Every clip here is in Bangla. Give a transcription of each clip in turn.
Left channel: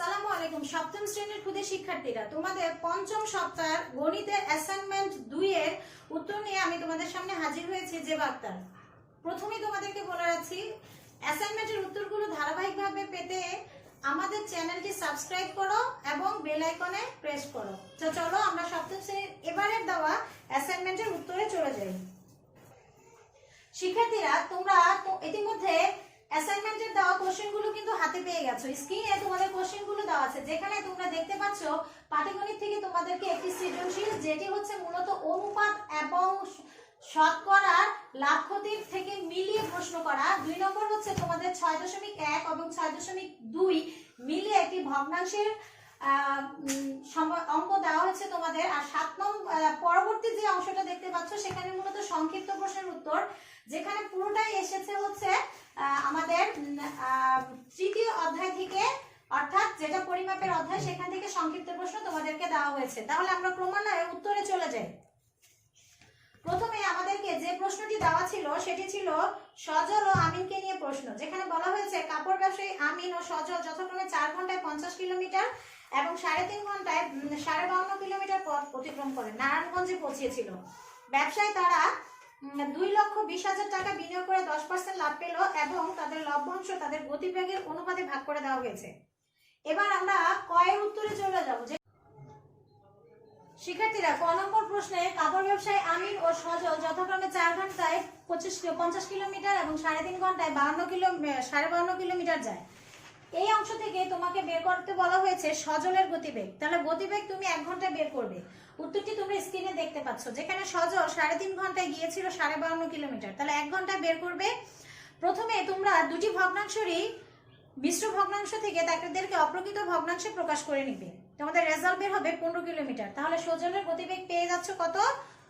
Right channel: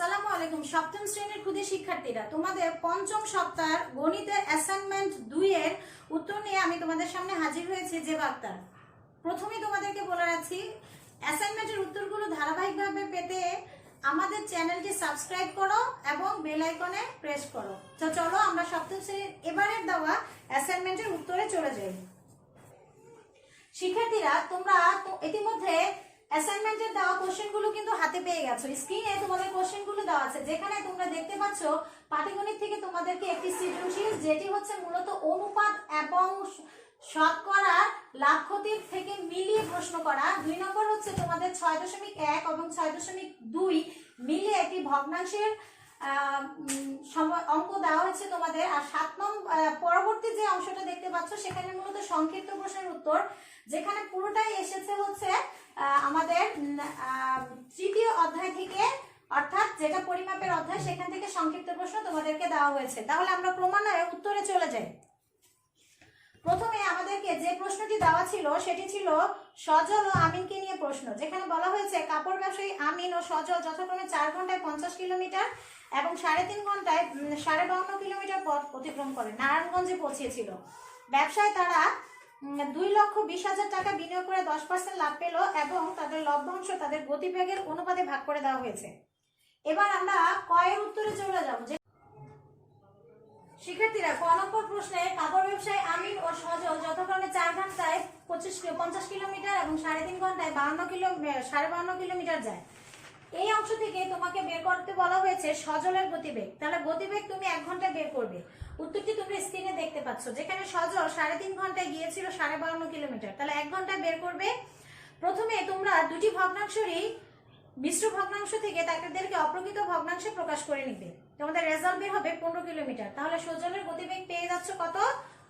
আসসালামু আলাইকুম। সপ্তম শ্রেণীর ক্ষুদে শিক্ষার্থীরা, তোমাদের পঞ্চম সপ্তাহের গণিতের অ্যাসাইনমেন্ট 2 এর উত্তর নিয়ে আমি তোমাদের সামনে হাজির হয়েছি। যে বার্তা প্রথমেই তোমাদেরকে বলে রাখছি, অ্যাসাইনমেন্টের উত্তরগুলো ধারাবাহিকভাবে পেতে আমাদের চ্যানেলটি সাবস্ক্রাইব করো এবং বেল আইকনে প্রেস করো। তো চলো আমরা সপ্তম শ্রেণীর এবারের দেওয়া অ্যাসাইনমেন্টের উত্তরে চলে যাই। শিক্ষার্থীরা, তোমরা তো ইতিমধ্যে অ্যাসাইনমেন্টের দেওয়া কোশ্চেনগুলো কিন্তু হাতে পেয়ে গেছো। স্ক্রিনে তোমাদের কোশ্চেনগুলো দেওয়া আছে, যেখানে তোমরা দেখতে পাচ্ছ পাটিগণিত থেকে তোমাদেরকে একটি সৃজনশীল, যেটি হচ্ছে মূলত অনুপাত এবং শতকরার লাভ ক্ষতির থেকে মিলিয়ে প্রশ্ন করা। 2 নম্বর হচ্ছে তোমাদের 6.1 এবং 6.2 মিলিয়ে একটি ভগ্নাংশের অঙ্ক দেওয়া হচ্ছে তোমাদের। আর 7 নম্বর পরবর্তী যে অংশটা দেখতে পাচ্ছ, সেখানে মূলত সংক্ষিপ্ত প্রশ্নের উত্তর, যেখানে পুরোটাই এসেছে হচ্ছে আমাদের তৃতীয় অধ্যায় থেকে, অর্থাৎ যেটা পরিমাপের অধ্যায়, সেখান থেকে সংক্ষিপ্ত প্রশ্ন তোমাদেরকে দেওয়া হয়েছে। তাহলে আমরা ক্রমান্বয়ে উত্তরে চলে যাই। প্রথমে আমাদেরকে যে প্রশ্নটি দেওয়া ছিল সেটি ছিল সজল ও আমিনকে নিয়ে প্রশ্ন, যেখানে বলা হয়েছে কাপড় ব্যবসায়ী আমিন ও সজল যথাক্রমে 4 ঘন্টায় 50 কিলোমিটার এবং 3.5 ঘন্টায় 52 কিলোমিটার পথ অতিক্রম করে নারায়ণগঞ্জে পৌঁছেছিল। ব্যবসায় তারা 2,20,000 টাকা বিনিয়োগ করে 10% লাভ পেল এবং তাদের লভ্যাংশ তাদের গতিবেগের অনুপাতে ভাগ করে দেওয়া হয়েছে। এবার আমরা কয়ের উত্তরে চলে যাব। শিক্ষার্থীরা, ক নম্বর প্রশ্নে কাপড় ব্যবসায়ী আমিন ও সজল যথাক্রমে 4 ঘন্টায় 50 কিলোমিটার এবং 3.5 ঘন্টায় 52 কিলোমিটার যায়। এই অংশ থেকে তোমাকে বের করতে বলা হয়েছে সজলের গতিবেগ। তাহলে গতিবেগ তুমি 1 ঘন্টায় বের করবে। উত্তরটি তোমরা স্ক্রিনে দেখতে পাচ্ছ, যেখানে সজল 3.5 ঘন্টায় গিয়েছিল 52 কিলোমিটার। তাহলে 1 ঘন্টায় বের করবে। প্রথমে তোমরা দুটি ভগ্নাংশেরই মিশ্র ভগ্নাংশ থেকে তাদেরকে অপ্রকৃত ভগ্নাংশে প্রকাশ করে নিবে। তোমাদের রেজাল্ট বের হবে 15 কিলোমিটার। তাহলে সজলের গতিবেগ পেয়ে যাচ্ছ কত?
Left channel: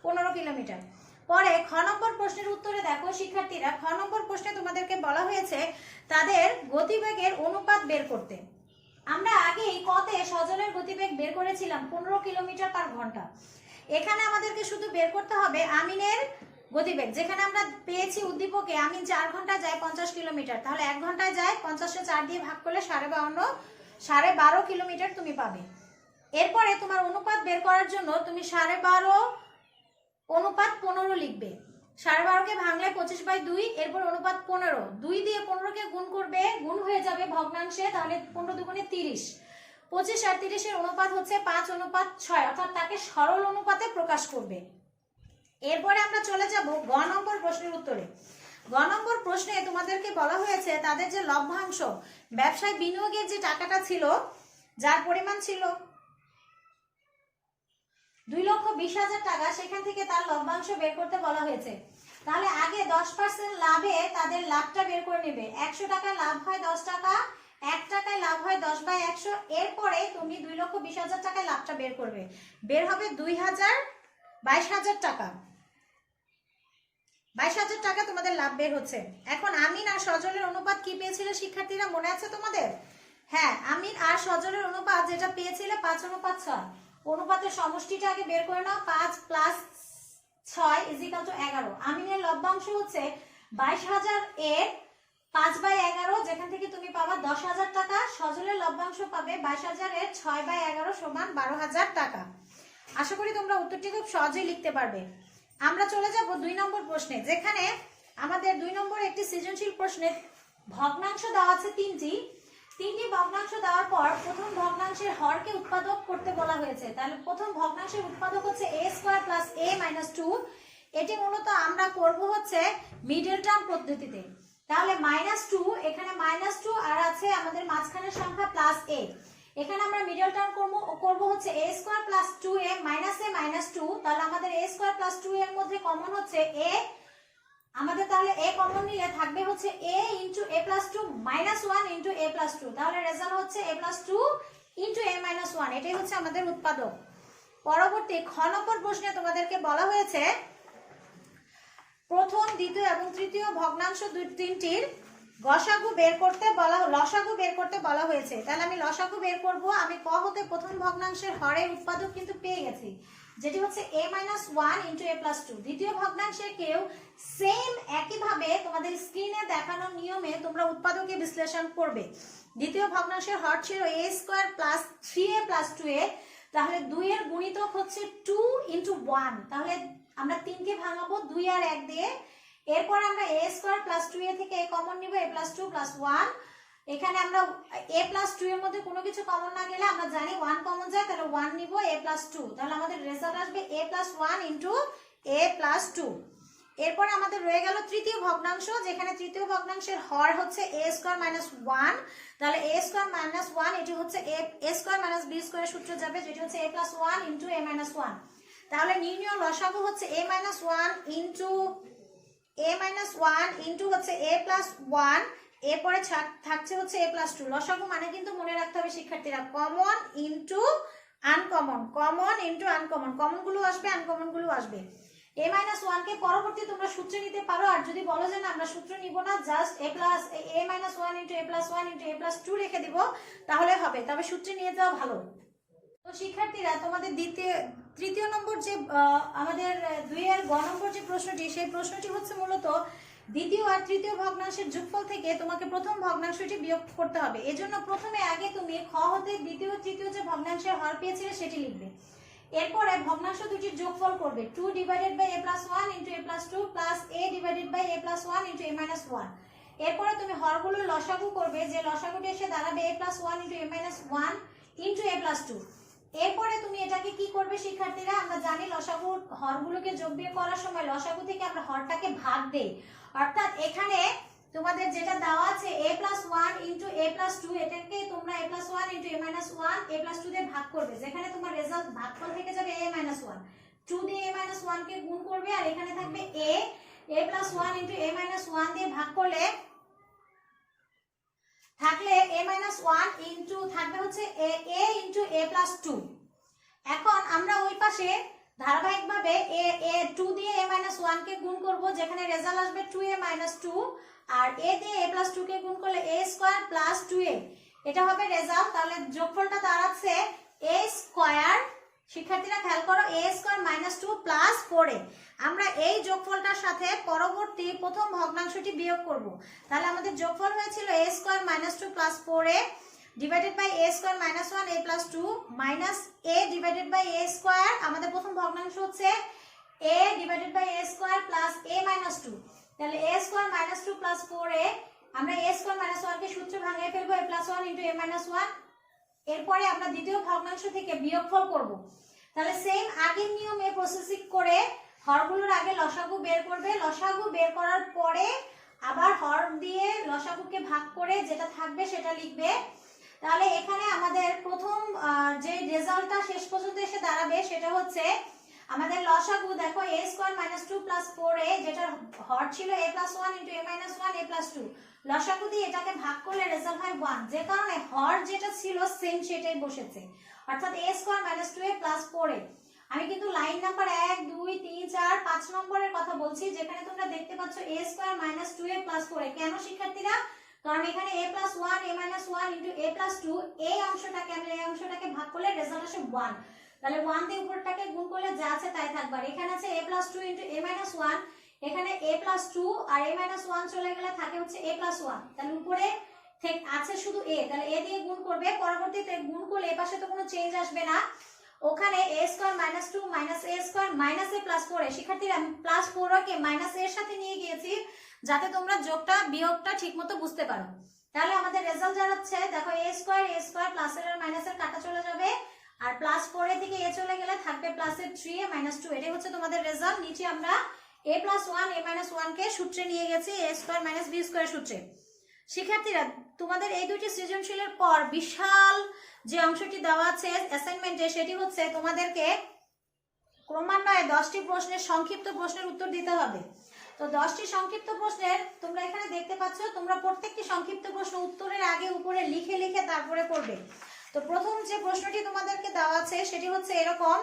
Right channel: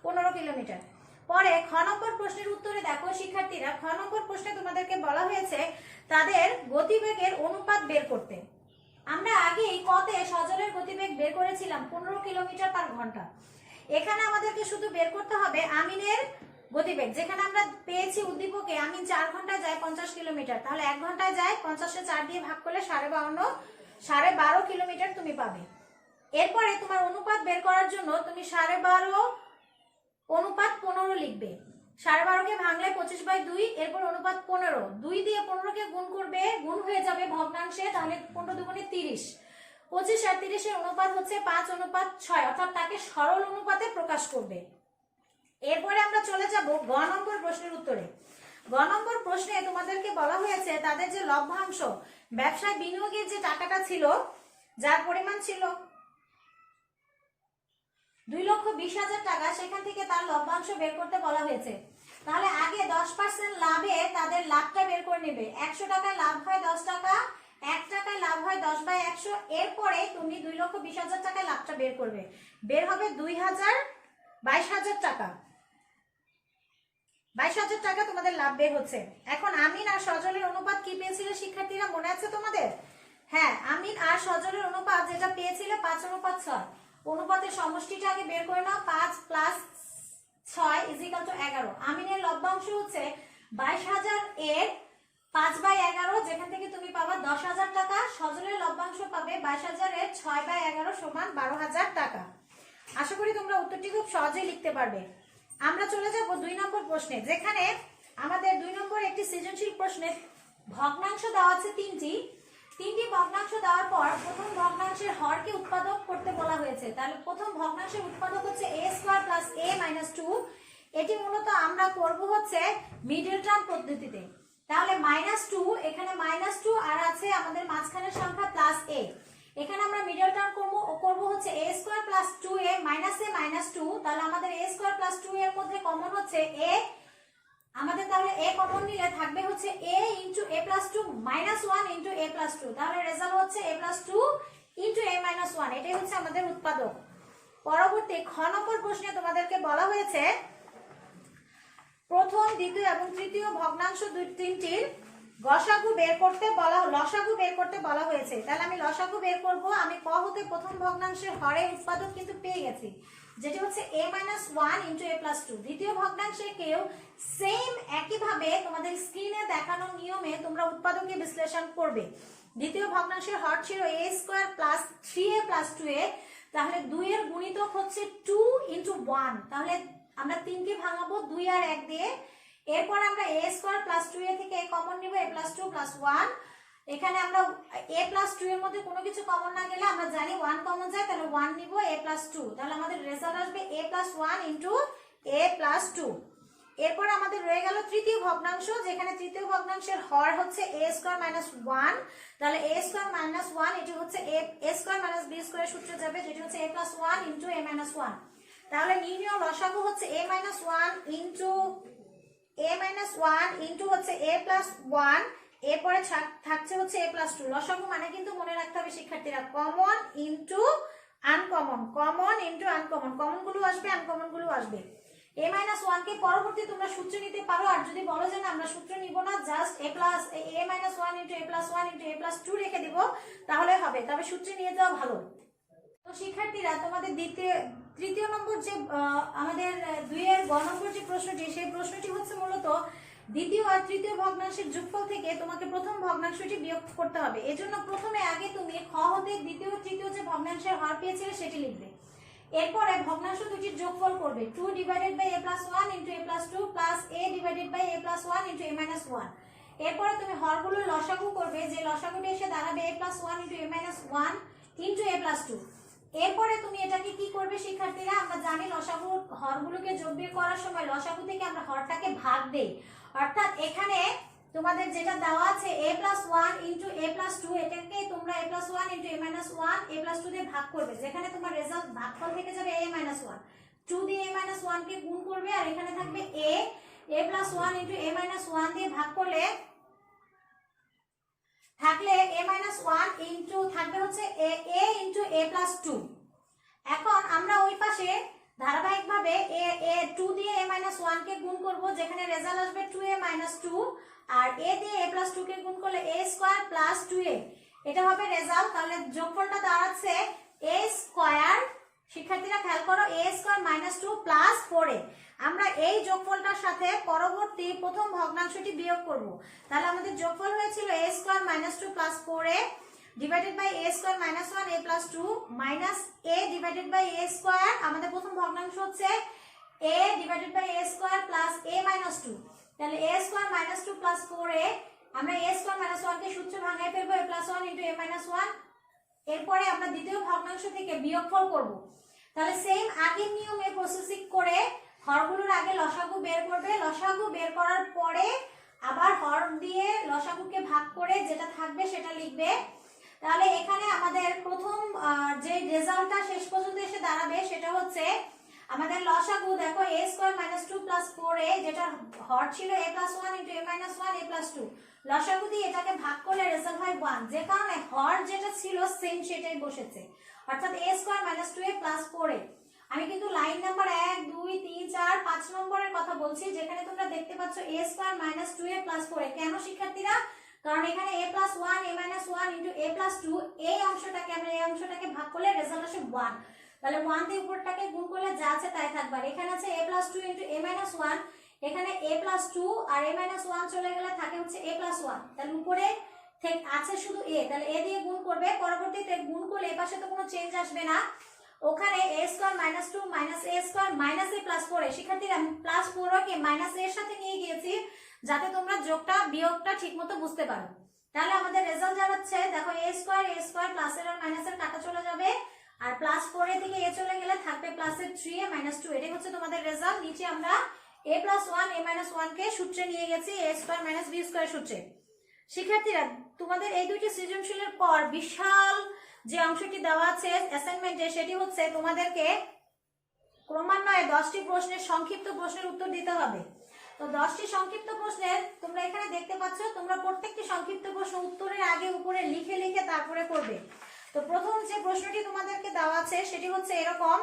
15 কিলোমিটার। পরে খ নম্বর প্রশ্নের উত্তরে দেখো শিক্ষার্থীরা, খ নম্বর প্রশ্নে তোমাদেরকে বলা হয়েছে তাদের গতিবেগের অনুপাত বের করতে। আমরা আগেই কতে সজলের গতিবেগ বের করেছিলাম 15 কিলোমিটার পার ঘন্টা। এখানে আমাদেরকে শুধু বের করতে হবে আমিনের গতিবেগ, যেখানে আমরা পেয়েছি উদ্দীপকে আমিন 4 ঘন্টায় যায় 50 কিলোমিটার। তাহলে 1 ঘন্টায় যায় 50 কে 4 দিয়ে ভাগ করলে 12.5 কিলোমিটার তুমি পাবে। এরপরে তোমার অনুপাত বের করার জন্য তুমি 12.5 অনুপাত 15 লিখবে। 12.5 কে ভাঙলে 25/2, এরপর অনুপাত 15, 2 দিয়ে 15 কে গুণ করবে, গুণ হয়ে যাবে ভগ্নাংশে। তাহলে 15 দুগুণে 30, 25 আর 30 এর অনুপাত হচ্ছে 5:6, অর্থাৎ তাকে সরল অনুপাতে প্রকাশ করবে। এরপরে আমরা চলে যাব গ নম্বর প্রশ্নের উত্তরে। গ নম্বর প্রশ্নে তোমাদেরকে বলা হয়েছে তাদের যে লভ্যাংশ, ব্যবসায় বিনিয়োগের যে টাকাটা ছিল, যার পরিমাণ ছিল 2,20,000 টাকা, সেখান থেকে তার লভ্যাংশ বের করতে বলা হয়েছে। তাহলে আগে 10% লাভে তাদের লাভটা বের করে নেবে। 100 টাকা লাভ হয় 10 টাকা, 1 টাকায় লাভ হয় 10/100। এরপরে তুমি 2,20,000 টাকায় লাভটা বের করবে। বের হবে 22,000 টাকা। 22,000 টাকা তোমাদের লাভ বের হচ্ছে। এখন আমিন আর সজলের অনুপাত কি পেয়েছিলে শিক্ষার্থীরা, মনে আছে তোমাদের? হ্যাঁ, আমিন আর সজলের অনুপাত যেটা পেয়েছিলে 5:6। অনুপাতের সমষ্টিটা আগে বের করে নাও। 5 + 6 = 11। আমিনের লভ্যাংশ হচ্ছে 22,000 এর 5/11, যেখান থেকে তুমি পাবা 10,000 টাকা। সজলের লভ্যাংশ পাবে 22,000 এর 6/11 = 12,000 টাকা। আশা করি তোমরা উত্তরটি খুব সহজেই লিখতে পারবে। আমরা চলে যাব 2 নম্বর প্রশ্নে, যেখানে আমাদের 2 নম্বর একটি সৃজনশীল প্রশ্নে ভগ্নাংশ দেওয়া আছে 3টি ভগ্নাংশ দেওয়ার পর প্রথম ভগ্নাংশের হরকে উৎপাদক করতে বলা হয়েছে। তাহলে প্রথম ভগ্নাংশের উৎপাদক হচ্ছে a² + a - 2। এটি মূলত আমরা করব হচ্ছে মিডল টার্ম পদ্ধতিতে। তাহলে -2, এখানে -2 আর আছে আমাদের মাঝখানের সংখ্যা +a। এখানে আমরা মিডল টার্ম করব হচ্ছে a² + 2a - a - 2। তাহলে আমাদের a² + 2 এর মধ্যে কমন হচ্ছে a। আমাদের তাহলে a কমন নিলে থাকবে হচ্ছে a * a + 2 - 1 * a + 2। তাহলে রেজাল্ট হচ্ছে a + 2 * a - 1। এটাই হচ্ছে আমাদের উৎপাদক। পরবর্তী খ নম্বর প্রশ্নে তোমাদেরকে বলা হয়েছে প্রথম, দ্বিতীয় এবং তৃতীয় ভগ্নাংশ 3টির লসাগু বের করতে বলা হয়েছে। তাহলে আমি লসাগু বের করব। আমি ক হতে প্রথম ভগ্নাংশের হরের উৎপাদক কিন্তু পেয়ে গেছি, যেটি হচ্ছে a - 1 * a + 2। দ্বিতীয় ভগ্নাংশে কেউ সেম একইভাবে তোমাদের স্ক্রিনে দেখানো নিয়মে তোমরা উৎপাদকে বিশ্লেষণ করবে। দ্বিতীয় ভগ্নাংশের হর ছিল a square plus 3a plus 2a, তাহলে 2 এর গুণিতক হচ্ছে 2 ইনটু 1, তাহলে আমরা 3 কে ভাঙাবো 2 আর 1 দিয়ে। এরপর আমরা a স্কয়ার প্লাস 2a থেকে a কমন নিব, a প্লাস 2 প্লাস 1। এখানে আমরা a প্লাস 2 এর মধ্যে কোনো কিছু কমন না গেলে আমরা জানি 1 কমন যায়, তাহলে 1 নিব, a প্লাস 2, তাহলে আমাদের রেজাল্ট আসবে a plus 1 into a plus 2। এরপর আমাদের রয়ে গেল তৃতীয় ভগ্নাংশ, যেখানে তৃতীয় ভগ্নাংশের হর হচ্ছে a স্কয়ার মাইনাস 1, তাহলে a স্কয়ার মাইনাস 1 এটি হচ্ছে a স্কয়ার মাইনাস b স্কয়ারের সূত্রে যাবে, যেটি হচ্ছে a plus 1 into a minus 1। তাহলে নির্ণয় লসাগু হচ্ছে a মাইনাস 1 ইনটু হচ্ছে a প্লাস 1, এরপরে থাকছে হচ্ছে a প্লাস 2। লসাগু মানে কিন্তু মনে রাখতে হবে শিক্ষার্থীরা common into uncommon, common into uncommon, common গুলো আসবে আনকমন গুলো আসবে। a মাইনাস 1 কে পরবর্তী তোমরা সূত্র নিতে পারো, আর যদি বলো যে না আমরা সূত্র নিব না, just a minus 1 into a plus 1 into a plus 2 রেখে দিব তাহলে হবে, তবে সূত্রে নিয়ে যাওয়া ভালো। তো শিক্ষার্থীরা তোমাদের তৃতীয় নম্বর যে আমাদের 2 এর গ নম্বর যে প্রশ্নটি, সেই প্রশ্নটি হচ্ছে মূলত দ্বিতীয় আর তৃতীয় ভগ্নাংশের যোগফল থেকে তোমাকে প্রথম ভগ্নাংশটি বিয়োগ করতে হবে। এজন্য প্রথমে আগে তুমি খ হতে দ্বিতীয় তৃতীয় যে ভগ্নাংশের হর পেয়েছিলে সেটি লিখবে, এরপরে ভগ্নাংশ দুটির যোগফল করবে 2 divided by a plus 1 into a plus 2 plus a divided by a plus 1 into a minus 1। এরপরে তুমি হরগুলোর লসাগু করবে, যে লসাগুটি এসে দাঁড়াবে a plus 1 into a minus 1 into a plus 2। এরপরে তুমি এটাকে কি করবে শিক্ষার্থীরা, আমরা জানি লসাগু হরগুলোকে যোগ বিয়োগ করার সময় লসাগু থেকে আমরা হরটাকে ভাগ দেই, অর্থাৎ এখানে তোমাদের যেটা দেওয়া আছে a plus 1 into a plus 2, এটাকে তোমরা a plus 1 into a minus 1 a plus 2 দিয়ে ভাগ করবে, যেখানে তোমার রেজাল্ট ভাগফল থেকে যাবে a মাইনাস 1, 2 দিয়ে a মাইনাস 1 কে গুণ করবে, আর এখানে থাকবে a plus 1 into a minus 1 দিয়ে ভাগ করলে থাকলে a মাইনাস 1 ইনটু থাকবে হচ্ছে a ইনটু a প্লাস 2। এখন আমরা ওই পাশে ধারাবাহিকভাবে a 2 দিয়ে a মাইনাস 1 কে গুণ করব, যেখানে রেজাল্ট আসবে 2a মাইনাস 2, আর a দিয়ে a প্লাস 2 কে গুণ করলে a স্কয়ার প্লাস 2a, এটা হবে রেজাল্ট। তাহলে যোগফলটা দাঁড়াচ্ছে a স্কয়ার, শিক্ষার্থীরা খেয়াল করো, a square minus 2 plus 4a। আমরা এই যোগফলটার সাথে পরবর্তী প্রথম ভগ্নাংশটি বিয়োগ করব, তাহলে আমাদের যোগফল হয়েছিল a square minus 2 plus 4a divided by a square minus 1 a plus 2 minus a divided by a square, আমাদের প্রথম ভগ্নাংশ হচ্ছে a divided by a square plus a minus 2, তাহলে a square minus 2 plus 4a, আমরা a স্কয়ার মাইনাস 1 কে সূত্রে ভাঙাই ফেলবো a plus 1 into a minus 1। এরপরে আমরা দ্বিতীয় ভগ্নাংশ থেকে বিয়োগফল করব, তাহলে সেম আগের নিয়মে প্রসেসিং করে হরগুলোর আগে লসাগু বের করবে, লসাগু বের করার পরে আবার হর দিয়ে লসাগুকে ভাগ করে যেটা থাকবে সেটা লিখবে। তাহলে এখানে আমাদের প্রথম যে রেজাল্টটা শেষ পর্যন্ত এসে দাঁড়াবে সেটা হচ্ছে আমাদের লসাগু, দেখো a square minus 2 plus 4a, যেটা হর ছিল a plus 1 into a minus 1 a plus 2, লসাগু দিয়ে এটাকে ভাগ করলে রেজাল্ট হয় 1, যে কারণে হর যেটা ছিল সেম সেটাই বসেছে, অর্থাৎ a square minus 2a plus 4a। আমি কিন্তু লাইন নাম্বার 1 2 3 4 5 নম্বরের কথা বলছি, যেখানে তোমরা দেখতে পাচ্ছ a square minus 2a plus 4a। কেন শিক্ষার্থীরা, কারণ এখানে a plus 1 a minus 1 into a plus 2, এই অংশটাকে আমরা এই অংশটাকে ভাগ করলে রেজাল্ট আসে 1, তাহলে 1 দিয়ে উপরটাকে গুণ করলে যা আছে তাই থাকবে। আর এখানে আছে a plus 2 into a minus 1, এখানে a প্লাস 2 আর a মাইনাস 1 চলে গেলে থাকে হচ্ছে a প্লাস 1, তাহলে উপরে আছে শুধু a, তাহলে a দিয়ে গুণ করবে, পরবর্তীতে গুণ করলে এই পাশে তো কোনো চেঞ্জ আসবে না, ওখানে a square minus 2 minus a square minus a plus 4a। শিক্ষার্থীরা আমি প্লাস 4 কে মাইনাস এর সাথে নিয়ে গিয়েছি যাতে তোমরা যোগটা বিয়োগটা ঠিকমতো বুঝতে পারো। তাহলে আমাদের রেজাল্ট জানাচ্ছে, দেখো a স্কয়ার প্লাস এর আর মাইনাস এর কাটা চলে যাবে, আর প্লাস 4 এর দিকে a চলে গেলে থাকবে প্লাস এর 3a মাইনাস 2, এটাই হচ্ছে তোমাদের রেজাল্ট। নিচে আমরা a প্লাস 1 a মাইনাস 1 কে সূত্রে নিয়ে গেছি a square minus b square সূত্রে। শিক্ষার্থীরা তোমাদের এই দুইটি সৃজনশীলের পর বিশাল যে অংশটি দেওয়া আছে অ্যাসাইনমেন্টে, সেটি হচ্ছে তোমাদেরকে ক্রমান্বয়ে 10টি প্রশ্নের সংক্ষিপ্ত প্রশ্নের উত্তর দিতে হবে। তো 10টি সংক্ষিপ্ত প্রশ্নের তোমরা এখানে দেখতে পাচ্ছ, তোমরা প্রত্যেকটি সংক্ষিপ্ত প্রশ্ন উত্তরের আগে উপরে লিখে লিখে তারপরে করবে। তো প্রথম যে প্রশ্নটি তোমাদেরকে দেওয়া আছে সেটি হচ্ছে এরকম,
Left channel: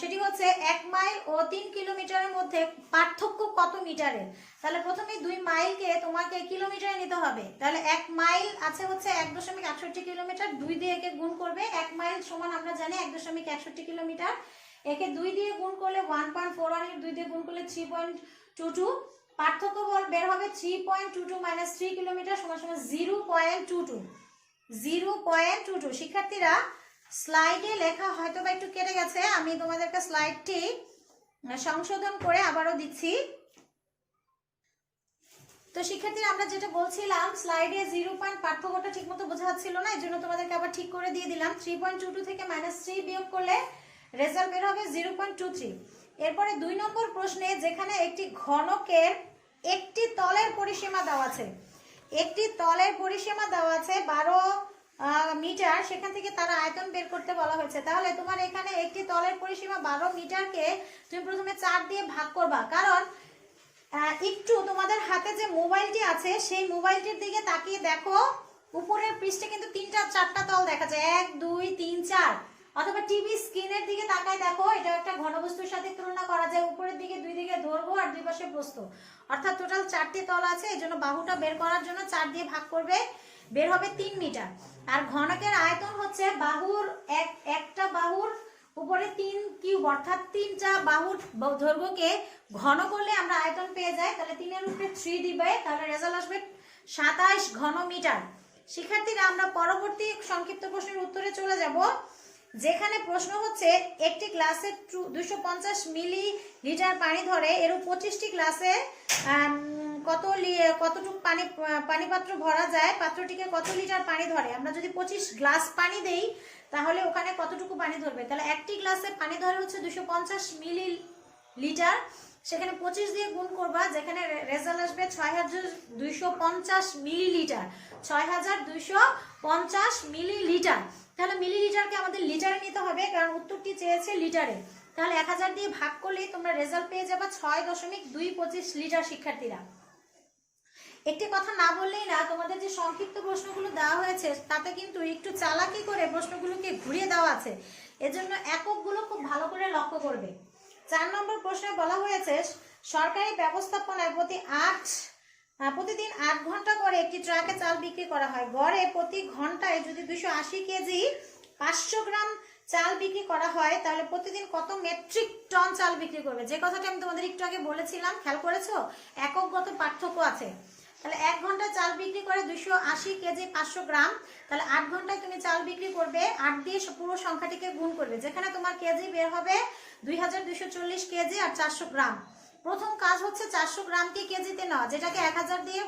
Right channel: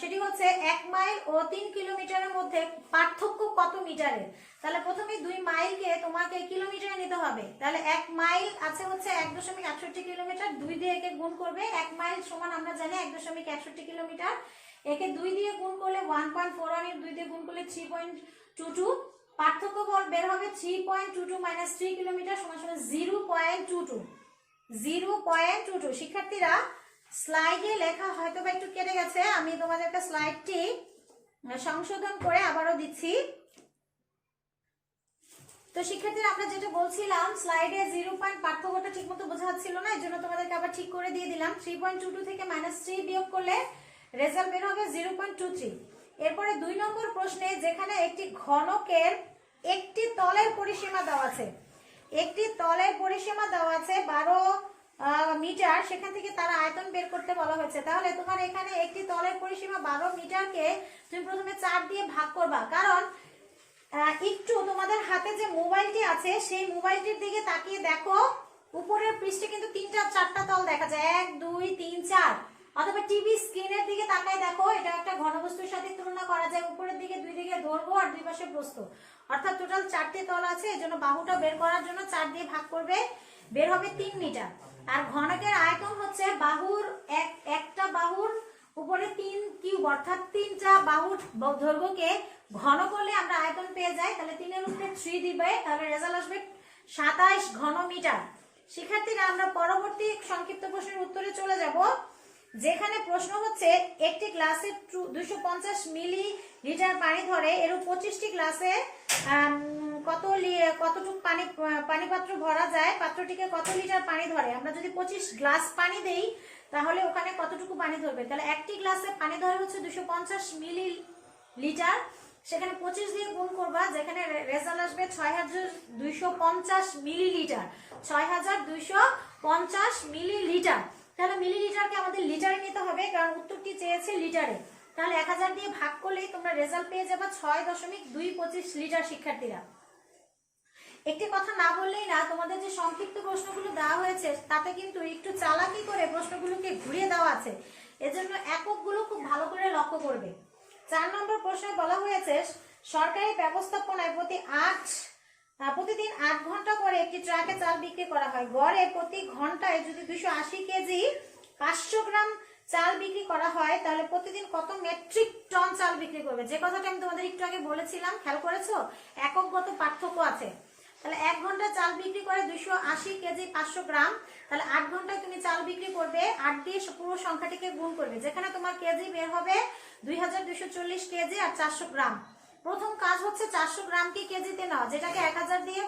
সেটি হচ্ছে 1 মাইল ও 3 কিলোমিটারের মধ্যে পার্থক্য কত মিটারের। তাহলে প্রথমে 2 মাইলকে তোমাকে কিলোমিটারে নিতে হবে, তাহলে 1 মাইল আছে হচ্ছে 1.61 কিলোমিটার, 2 দিয়ে একে গুণ করবে, 1 মাইল সমান আমরা জানি 1.61 কিলোমিটার, একে 2 দিয়ে গুণ করলে 1.41, 2 দিয়ে গুণ করলে 3.22, পার্থক্য বল বের হবে 3.22 মাইনাস 3 কিলোমিটার সমান সমান 0.22। 0.22। শিক্ষার্থীরা স্লাইডে লেখা হয়তো বা একটু কেটে গেছে, আমি তোমাদেরকে স্লাইডটি সংশোধন করে আবারও দিচ্ছি। তো শিক্ষার্থীরা আমরা যেটা বলছিলাম স্লাইডে 0 পয়েন্ট পার্থক্যটা ঠিকমতো বোঝা যাচ্ছিল না, এজন্য তোমাদেরকে আবার ঠিক করে দিয়ে দিলাম। 3.22 থেকে -3 বিয়োগ করলে রেজাল্ট বের হবে 0.23। এরপরে 2 নম্বর প্রশ্নে যেখানে একটি ঘনকের একটি তলের পরিসীমা দেওয়া আছে, একটি তলের পরিসীমা দেওয়া আছে 12 মিটার, সেখান থেকে তার আয়তন বের করতে বলা হয়েছে। তাহলে তোমার এখানে একটি তলের পরিসীমা 12 মিটারকে তুমি প্রথমে 4 দিয়ে ভাগ করবা, কারণ একটু তোমাদের হাতে যে মোবাইলটি আছে সেই মোবাইলটির দিকে তাকিয়ে দেখো, উপরের পৃষ্ঠে কিন্তু 3টা-4টা তল দেখা যায়, 1 2 3 4। অথবা টিভি স্ক্রিনের দিকে তাকায় দেখো, এটা একটা ঘনবস্তুর সাথে তুলনা করা যায়, উপরের দিকে 2 দিকে দৈর্ঘ্য আর 2 পাশে প্রস্থ, অর্থাৎ টোটাল 4টি তল আছে। এজন্য বাহুটা বের করার জন্য 4 দিয়ে ভাগ করবে, বের হবে 3 মিটার। আর ঘনকের আয়তন হচ্ছে বাহুর একটা বাহুর উপরে 3 কিউব, অর্থাৎ 3টা বাহুর দৈর্ঘ্যকে ঘন করলে আমরা আয়তন পেয়ে যাই। তাহলে 3 এর উপরে 3 দিবে, তাহলে রেজাল্ট আসবে 27 ঘন মিটার। শিক্ষার্থীরা আমরা পরবর্তী সংক্ষিপ্ত প্রশ্নের উত্তরে চলে যাব, যেখানে প্রশ্ন হচ্ছে একটি গ্লাসে 250 মিলিলিটার পানি ধরে, এর 25টি গ্লাসে কতটুকু পানি পাত্র ভরা যায়, পাত্রটিকে কত লিটার পানি ধরে। আমরা যদি 25 গ্লাস পানি দেই তাহলে ওখানে কতটুকু পানি ধরবে। তাহলে একটি গ্লাসে পানি ধরে হচ্ছে 250 মিলিলিটার, সেখানে 25 দিয়ে গুণ করবা, যেখানে রেজাল্ট আসবে 6250 মিলিলিটার। 6250 মিলিলিটার। তাহলে মিলিলিটারকে আমাদের লিটারে নিতে হবে, কারণ উত্তরটি চেয়েছে লিটারে। তাহলে 1000 দিয়ে ভাগ করলেই তোমরা রেজাল্ট পেয়ে যাবে 6.225 লিটার। শিক্ষার্থীরা একটি কথা না বললেই না, তোমাদের যে সংক্ষিপ্ত প্রশ্নগুলো দেওয়া হয়েছে তাতে কিন্তু একটু চালাকি করে প্রশ্নগুলোকে ঘুরিয়ে দেওয়া আছে, এজন্য এককগুলো খুব ভালো করে লক্ষ্য করবে। 4 নম্বর প্রশ্নে বলা হয়েছে সরকারি ব্যবস্থাপনায় প্রতিদিন 8 ঘন্টা করে একটি ট্রাকে চাল বিক্রি করা হয়। গড়ে প্রতি ঘন্টায় যদি 280 কেজি 500 গ্রাম চাল বিক্রি করা হয়, তাহলে প্রতিদিন কত মেট্রিক টন চাল বিক্রি করবে। যে কথাটা আমি তোমাদের একটু আগে বলেছিলাম, খেয়াল করেছো? এককগত পার্থক্য আছে। তাহলে 1 ঘন্টা চাল বিক্রি করে 280 কেজি 500 গ্রাম, তাহলে 8 ঘন্টায় তুমি চাল বিক্রি করবে, 8 দিয়ে পুরো সংখ্যাটিকে গুণ করবে, যেখানে তোমার কেজি বের হবে 2240 কেজি আর 400 গ্রাম। প্রথম কাজ হচ্ছে 400 গ্রামকে কেজিতে নেওয়া, যেটাকে 1000 দিয়ে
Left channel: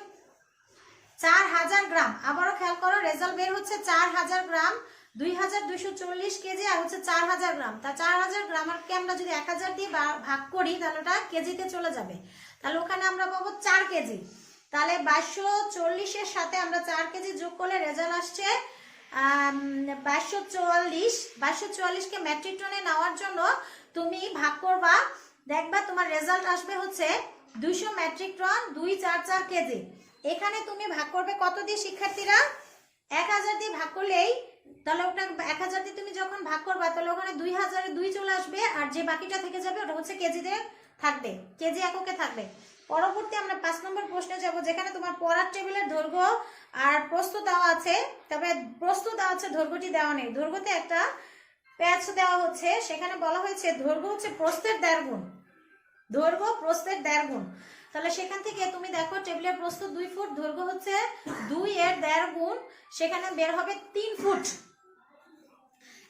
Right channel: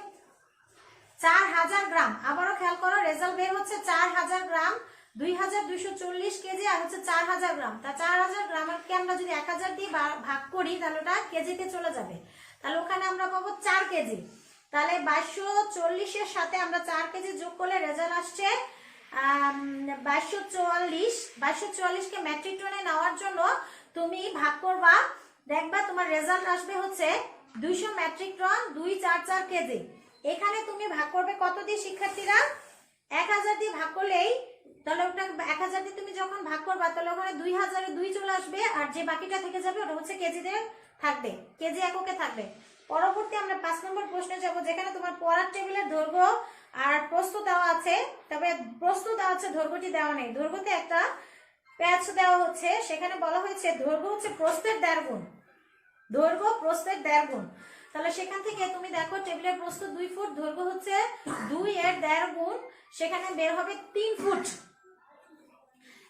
4000 গ্রাম। আবারও খেয়াল করো, রেজাল্ট বের হচ্ছে 4000 গ্রাম, 2240 কেজি আর হচ্ছে 4000 গ্রাম। তা 4000 গ্রামকে আমরা যদি 1000 দিয়ে ভাগ করি তাহলে ওটা কেজিতে চলে যাবে, তাহলে ওখানে আমরা পাবো 4 কেজি। তাহলে 2240 এর সাথে আমরা 4 কেজি যোগ করলে রেজাল্ট আসছে 2244 কে মেট্রিক টনে নেওয়ার জন্য তুমি ভাগ করবা, দেখবা তোমার রেজাল্ট আসবে হচ্ছে 200 মেট্রিক টন 244 কেজি। এখানে তুমি ভাগ করবে কত দিয়ে শিক্ষার্থীরা? 1000 দিয়ে ভাগ করলেই, তাহলে ওটা 1000 দিয়ে তুমি যখন ভাগ করবা তাহলে ওখানে 2000 এ 2 চলে আসবে, আর যে বাকিটা থেকে যাবে ওটা হচ্ছে কেজিতে থাকবে, কেজি এককে থাকবে। পরবর্তী আমরা 5 নম্বর প্রশ্নে যাব, যেখানে তোমার পড়ার টেবিলের দৈর্ঘ্য আর প্রস্থ দেওয়া আছে, তবে প্রস্থ দেওয়া আছে, দৈর্ঘ্যটি দেওয়া নেই। দৈর্ঘ্যতে একটা প্যাচ দেওয়া হচ্ছে, সেখানে বলা হয়েছে দৈর্ঘ্য হচ্ছে প্রস্থের 1.5 গুণ, দৈর্ঘ্য প্রস্থের 1.5 গুণ। তাহলে সেখান থেকে তুমি দেখো টেবিলের প্রস্থ 2 ফুট, দৈর্ঘ্য হচ্ছে 2 এর 1.5 গুণ, সেখানে বের হবে 3 ফুট।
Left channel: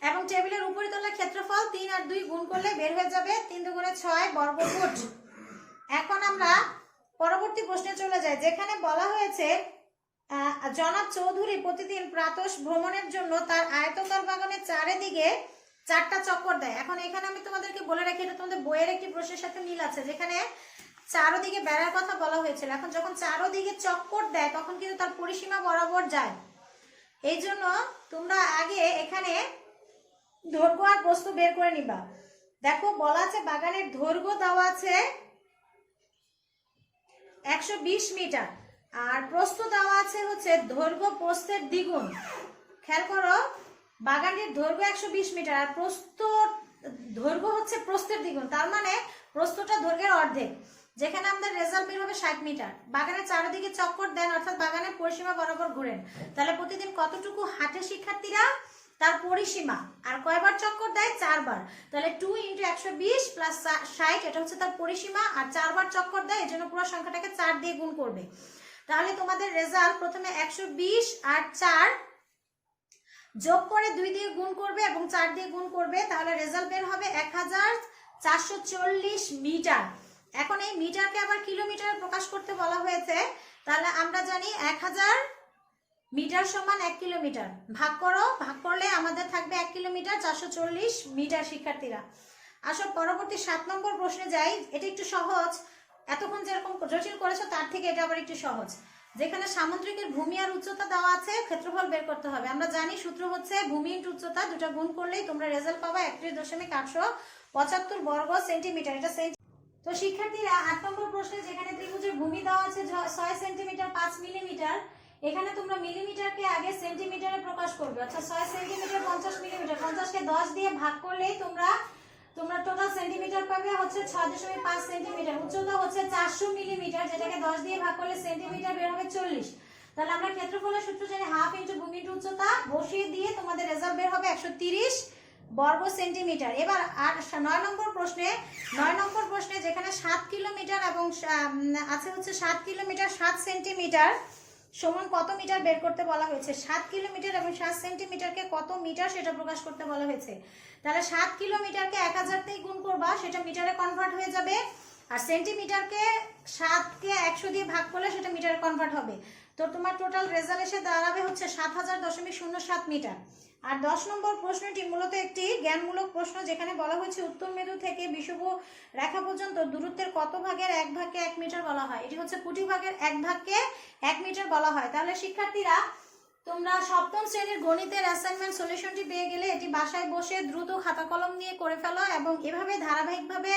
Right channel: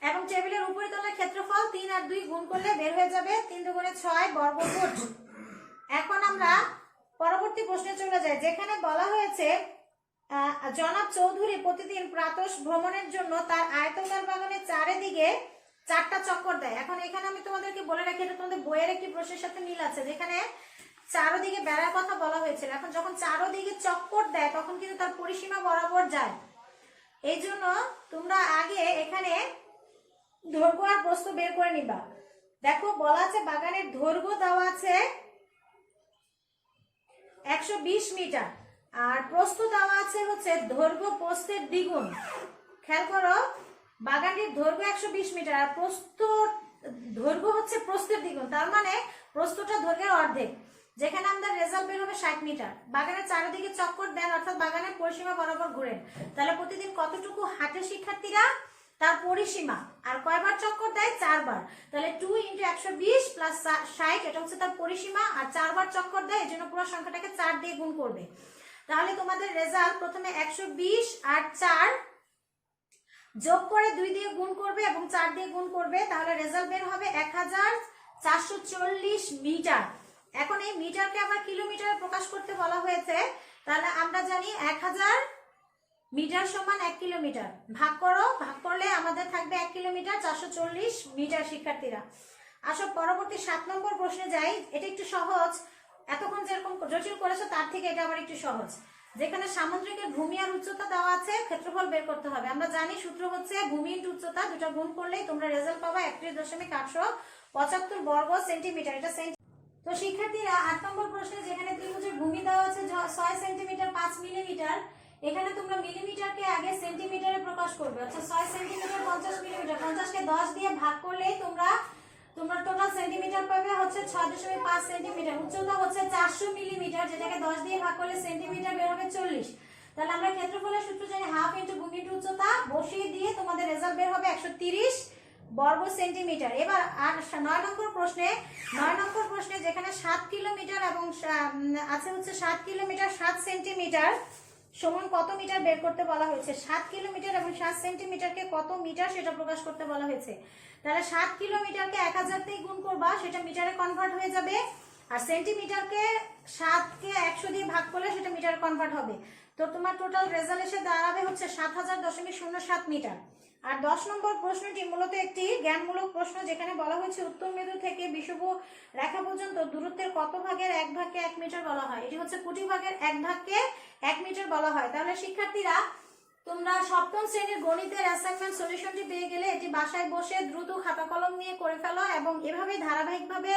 এবং টেবিলের উপরিতলের ক্ষেত্রফল 3 আর 2 গুণ করলে বের হয়ে যাবে 3 দুগুণে 6 বর্গ ফুট। এখন আমরা পরবর্তী প্রশ্নে চলে যাই, যেখানে বলা হয়েছে জনাব চৌধুরী প্রতিদিন প্রাতঃ ভ্রমণের জন্য তার আয়তকার বাগানের চারিদিকে 4টা চক্কর দেয়। এখন এখানে আমি তোমাদেরকে বলে রাখি, এটা তোমাদের বইয়ের একটি প্রশ্নের সাথে মিল আছে, যেখানে চারদিকে বেড়ার কথা বলা হয়েছিল। এখন যখন চারদিকে চক্কর দেয় তখন কিন্তু তার পরিসীমা বরাবর যায়, এই জন্য তোমরা আগে এখানে দৈর্ঘ্য আর প্রস্থ বের করে নিবা। দেখো বলা আছে বাগানের দৈর্ঘ্য দেওয়া আছে 120 মিটার, আর প্রস্থ দেওয়া আছে হচ্ছে দৈর্ঘ্য প্রস্থের দ্বিগুণ। খেয়াল করো, বাগানের দৈর্ঘ্য 120 মিটার আর দৈর্ঘ্য হচ্ছে প্রস্থের দ্বিগুণ, তার মানে প্রস্থটা দৈর্ঘ্যের অর্ধেক, যেখানে আমাদের রেজাল্ট বের হবে 60 মিটার। বাগানের চারিদিকে চক্কর দেন, অর্থাৎ বাগানের পরিসীমা বরাবর ঘুরেন, তাহলে প্রতিদিন কতটুকু হাঁটে শিক্ষার্থীরা? তার পরিসীমা। আর কয়বার চক্কর দেয়? 4 বার। তাহলে 2 × 120 + 60 এটা হচ্ছে তার পরিসীমা, আর 4 বার চক্কর দেয়, এজন্য পুরো সংখ্যাটাকে 4 দিয়ে গুণ করবে। তাহলে তোমাদের রেজাল্ট প্রথমে 120 আর 4 যোগ করে 2 দিয়ে গুণ করবে এবং 4 দিয়ে গুণ করবে, তাহলে রেজাল্ট বের হবে 1440 মিটার। এখন এই মিটারকে আবার কিলোমিটারে প্রকাশ করতে বলা হয়েছে, তাহলে আমরা জানি 1000 মিটার সমান 1 কিলোমিটার। ভাগ করো, ভাগ করলে আমাদের থাকবে 1 কিলোমিটার 440 মিটার। শিক্ষার্থীরা আসো পরবর্তী 7 নম্বর প্রশ্নে যাই। এটা একটু সহজ, এতক্ষণ যেরকম জটিল করেছো তার থেকে এটা আবার একটু সহজ। যেখানে সামুদ্রিকের ভূমি আর উচ্চতা দেওয়া আছে, ক্ষেত্রফল বের করতে হবে। আমরা জানি সূত্র হচ্ছে ভূমি ইনটু উচ্চতা, দুটো গুণ করলেই তোমরা রেজাল্ট পাবা 31.875 বর্গ সেন্টিমিটার। এটা তো শিক্ষার্থীরা 8 নম্বর প্রশ্নে যেখানে ত্রিভুজের ভূমি দেওয়া আছে 6 সেন্টিমিটার 5 মিলিমিটার, এখানে তোমরা মিলিমিটারকে আগে সেন্টিমিটারে প্রকাশ করবে। আচ্ছা 6 সেন্টিমিটার 50 মিলিমিটার, 50 কে 10 দিয়ে ভাগ করলেই তোমরা টোটাল সেন্টিমিটার পাবে হচ্ছে 6.5 সেন্টিমিটার। উচ্চতা হচ্ছে 400 মিলিমিটার, যেটাকে 10 দিয়ে ভাগ করলে সেন্টিমিটার বের হবে 40। তাহলে আমরা ক্ষেত্রফলের সূত্র জানি হাফ ইনটু ভূমি ইনটু উচ্চতা, বসিয়ে দিয়ে তোমাদের রেজাল্ট বের হবে 130 বর্গ সেন্টিমিটার। এবার আর 9 নম্বর প্রশ্নে যেখানে 7 কিলোমিটার এবং আছে হচ্ছে 7 কিলোমিটার 7 সেন্টিমিটার সমান কত মিটার বের করতে বলা হয়েছে। 7 কিলোমিটার এবং 7 সেন্টিমিটারকে কত মিটার সেটা প্রকাশ করতে বলা হয়েছে। তাহলে 7 কিলোমিটারকে 1000 দিয়ে গুণ করবা, সেটা মিটারে কনভার্ট হয়ে যাবে। আর সেন্টিমিটারকে 7 কে 100 দিয়ে ভাগ করলে সেটা মিটারে কনভার্ট হবে। তো তোমার টোটাল রেজাল্ট এসে দাঁড়াবে হচ্ছে 7000.07 মিটার। আর 10 নম্বর প্রশ্নটি মূলত একটি জ্ঞানমূলক প্রশ্ন, যেখানে বলা হয়েছে উত্তর মেরু থেকে বিষুব রেখা পর্যন্ত দূরত্বের কত ভাগের 1 ভাগকে 1 মিটার বলা হয়। এটি হচ্ছে কোটি ভাগের 1 ভাগকে 1 মিটার বলা হয়। তাহলে শিক্ষার্থীরা তোমরা সপ্তম শ্রেণীর গণিতের অ্যাসাইনমেন্ট সলিউশনটি পেয়ে গেলে এটি বাসায় বসে দ্রুত খাতা কলম নিয়ে করে ফেলো এবং এভাবে ধারাবাহিকভাবে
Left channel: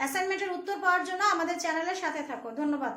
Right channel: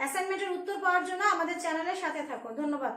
অ্যাসাইনমেন্টের উত্তর পাওয়ার জন্য আমাদের চ্যানেলের সাথে থাকো। ধন্যবাদ।